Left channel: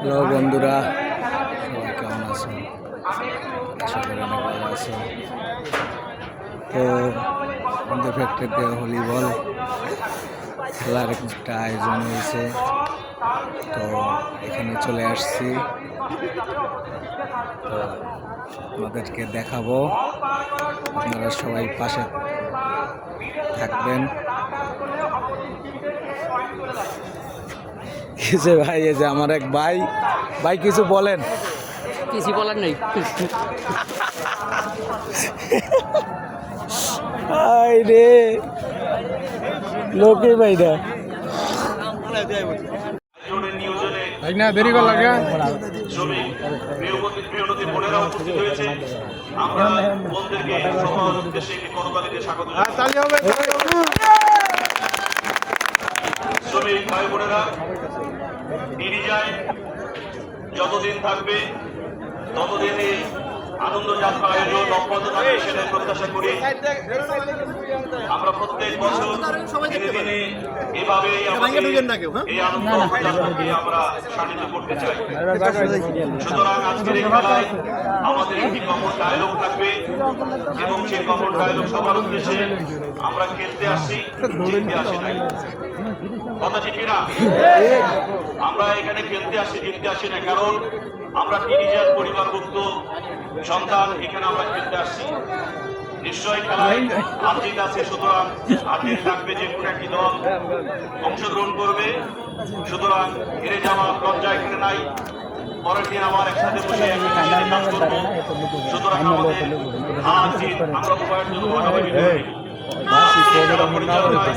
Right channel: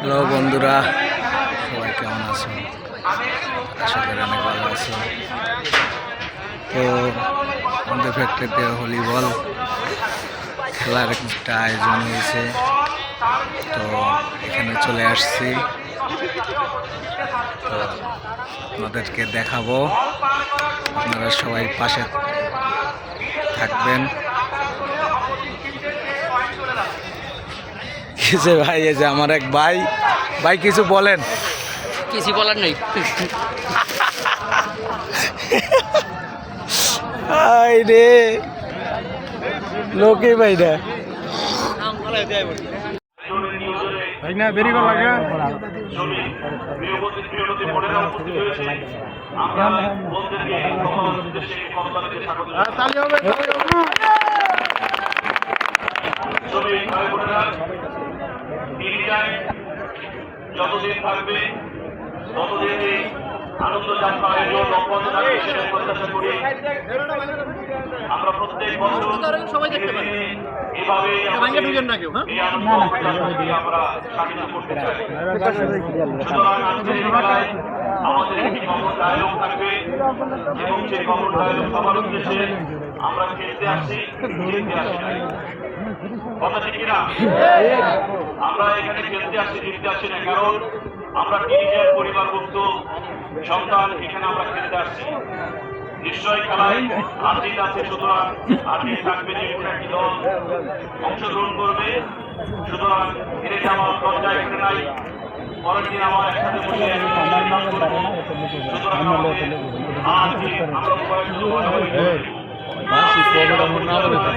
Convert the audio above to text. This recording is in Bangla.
হ্যালো বন্ধুরা, সবাই কেমন আছো? আশা করি অনেক ভালো আছো। তো আমাদের ফ্যাক্টরিতে ভলিবল খেলার একটা আয়োজন হয়েছে, তো এখানে চলে আসছি। তো আপনাদেরকে দেখাবো, আপনারা সবাই পাশে থাকবেন। কিছু ভাই, এই যে আমার এক ভাই কিছু বলেন। কিছু বলার নেই। আই রে লোকে ভাইরা শ্রমিক ভাই বোনেরা, যতদিন থাকবে ততদিন এই আনন্দ যাত্রা আয়োজন অব্যাহত থাকবে, সেটাই প্রত্যাশা করি। আমরা প্রত্যেক বছর দিনে দিনে এভাবেই আমাদের এই আনন্দ যাত্রাকে আমরা সামিল করতে চাই। সুতরাং আজকের এই খেলায় আমাদের একটি কমন ডায়লগ থাকবে এবং সেই কমন ডায়লগ সবার উদ্দেশ্যে আমরা খেলতে আসছি, জিততে আসি নাই। কথা ঠিক কিনা? আমরা এখানে খেলতে আসি, জিততে আসি না, কারণ আমরা টিনেজার পরিবারভুক্ত সন্তান, এখানে আমরা খেলতে আসছি। নিশ্চয়ই খেলায় আর্জিত আছে, সুতরাং আর্জিত থাকবে, যে কোনো একটি দল অংশগ্রহণ করবে। সুতরাং হেরে যাওয়ার লজ্জা এখানে নাই। পরের দিন আমার একসাথে বসে কাজ করবো। সুতরাং আমাদের আজকে আমরা উভয় পরিচালনায়